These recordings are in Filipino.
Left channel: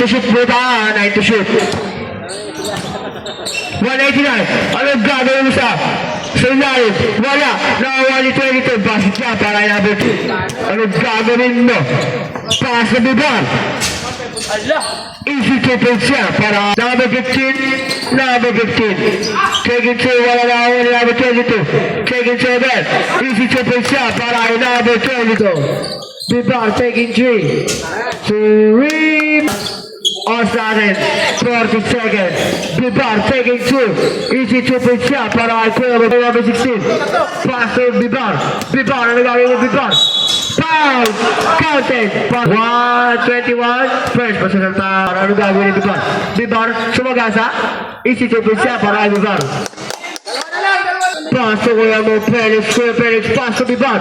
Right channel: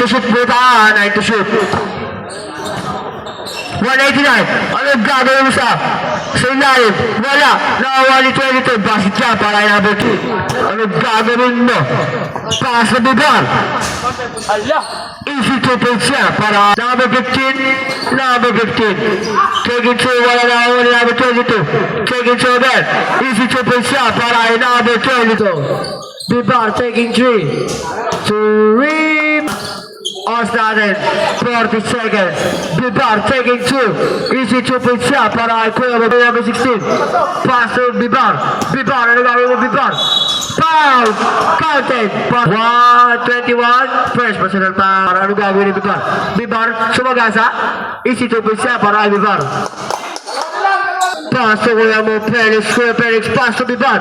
to shoot po ta. 9 to shoot. 189. Anong gagawin mo sa ilalim? Wala. Nakawali 22. Basket siya para number 2. Anong gagawin mo? Pass na bibar. Easy to play siya para number 15. Number 15. Take it to wala na ako ni number 22. Take it to that. Easy to play siya para number 22. Bibar taking 3. 3. On started, 40 seconds. Bibar taking 2. Easy 2 point shot para Kuya number 16. Pass to Bibar. Bibar, ano gagawin mo Bibar? Foul! Counted! 121. First personal foul. Ano gagawin ni Bibar? Bibar, sumagasa. Easy 2 point shot para Bibar. Pass to Kuya mo, Felix. Kuya Felix, pass to Bibar.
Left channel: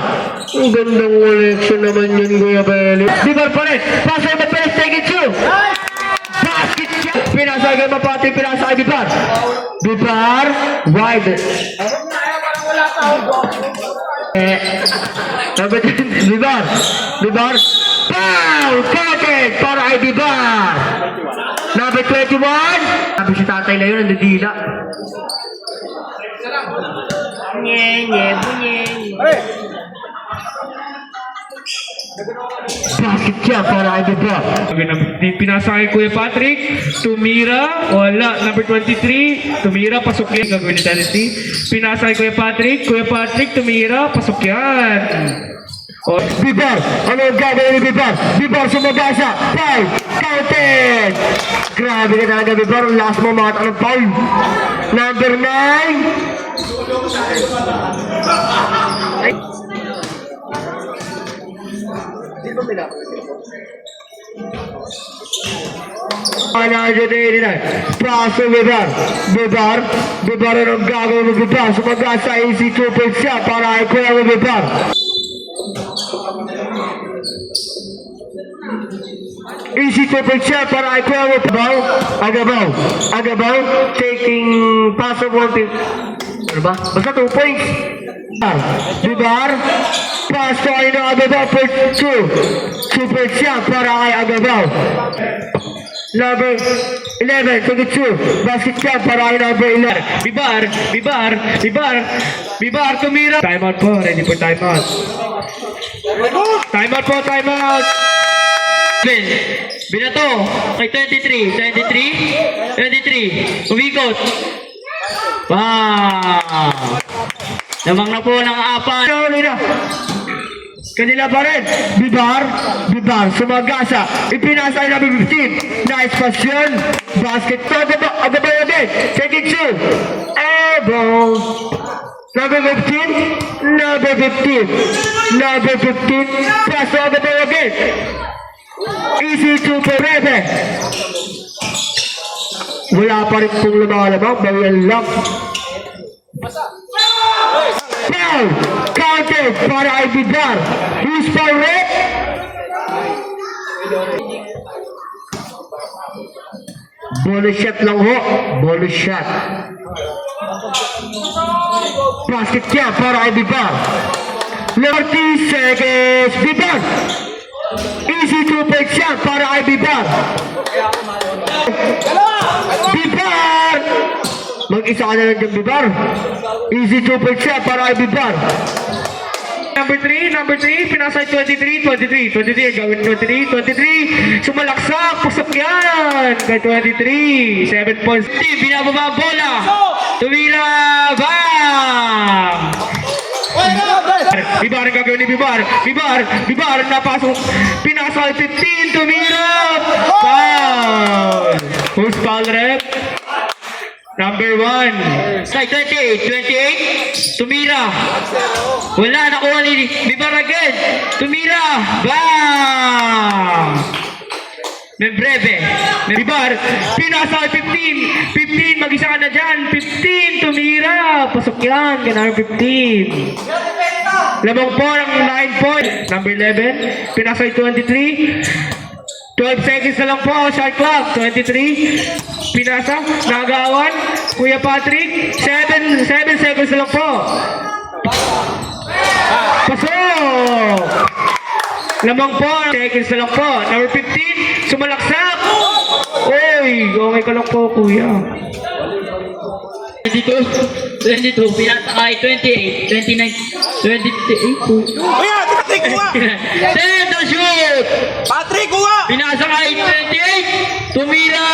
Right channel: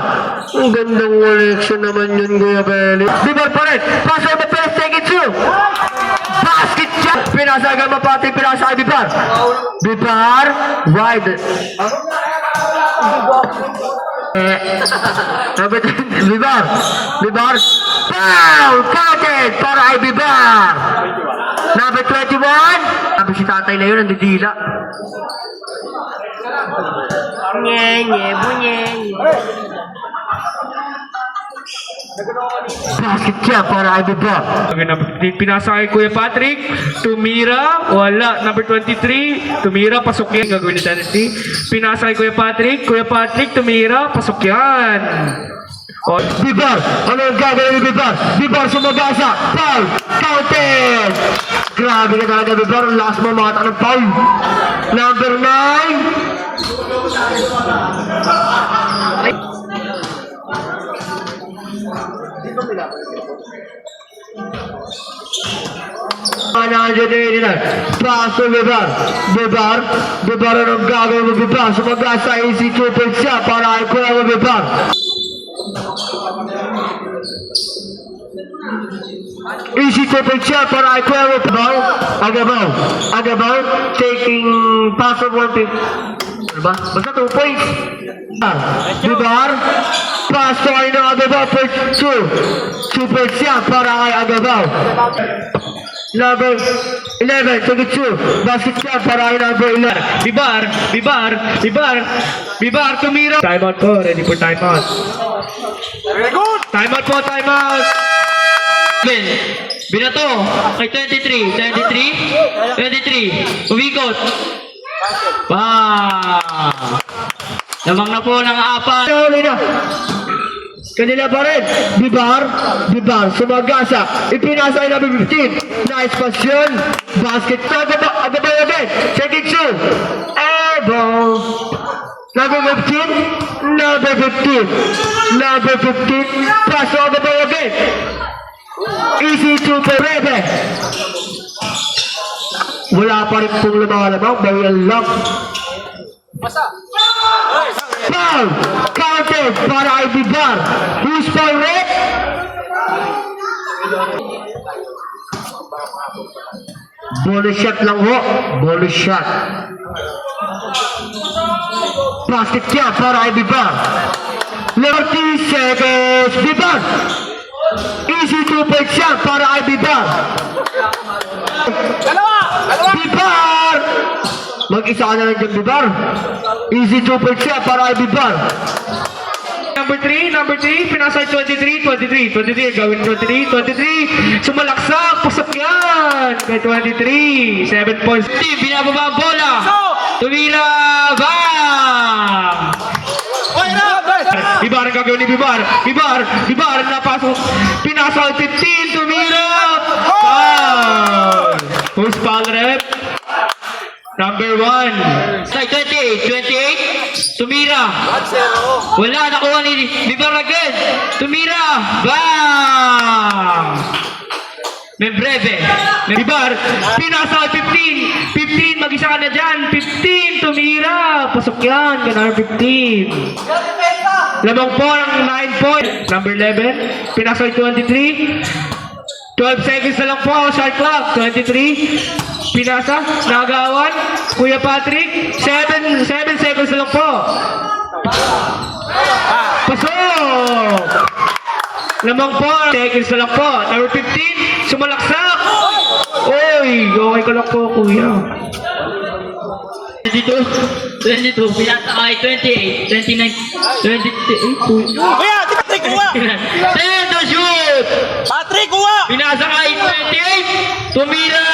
Ang gandang collection naman yun, Kuya Felix. Bibar pa rin. Pass to Felix, taking 2. Basket shot! Pinasay ka mapati, pinasay Bibar. Bibar, wide. Bibar. Bibar. Foul! Counted para ay Bibar. Number 21. Sabi si tatay na yun, nandidila. Nye, bunye. Basket siya para ay Bibar. Pinasa kay Kuya Patrick, tumira, wala. Number 23, tumira, pasok yan. Gagawin ni Dynasty. Pinasa kay Kuya Patrick, tumira, pasok yan. Bibar, ano yung gagawin ni Bibar? Bibar sumagasa, foul, counted. Grabe ka talaga Bibar, last mo mga tanong foul. Number 9. Pass to Bibar. Bibar ang gagawin mo Bibar. Sumagasa easy 2 point siya para ay Kuya mo Bibar. Easy 2 point siya para ay Kuya mo Bibar. Agabaw. Taking pass of 1 point. Ano ba? Basta 2 points. Bibar. Pass to ay na Agabaw for 2. 2 points siya para ay Agabaw. Number 11, 22. Basket siya para ay number 11. Bibar, tumira. Time out po, ready for time out. Time out po, time out. Binato kay 23. Umikot. Lamang na po ng 4. Kanila pa rin. Bibar, sumagasa. Ipinasa ay number 15. Nice passion. Basket to. Agabaw again. Taking 2. Airball. Number 15. Pass to Agabaw again. Easy to Perebe. Wala pa rin kung lumalabang. Bawal lang. Foul! Counted para ay Bibar. Who's for red? Bonus shot lang ho. Bonus shot. Basket siya para ay Bibar. 30 seconds. Bibar. Easy 2 point shot para ay Bibar. Bibar! Mag-isa ka na lang dyan, Bibar. Easy 2 point shot para ay Bibar. Number 3, pinasa kay 23. Gawin 23. Sumalaksak, pasok yan. Kay 23, 7 points. Binababa ang bola. Tumira. Bang! Bibar ang gagawin ni Bibar, napasok. Pinasa kay 15, tumira. Foul! Who's foul rep? Number 1. Kay 28. Tumira. Wala, nakuha ni Bibar again. Tumira. Bang! Membreve. Bibar, pinasa kay 15, mag-isa ka na dyan. 15, tumira. Pasok yan, kaya 15. Lamang po ng 9 point. Number 11, pinasa kay 23. 12 seconds na lang po, shot clock. 23, pinasa, nagawan. Kuya Patrick, 7 seconds na lang po. Pasok! Lamang po, seconds na lang po. Number 15, sumalaksak. Pakay ko lang po, kuya. 22, pinasa ay 28, 29, 28, Kuya, si Patrick kuha! Send the shoot! Patrick kuha! Pinasa ay 28, tumira!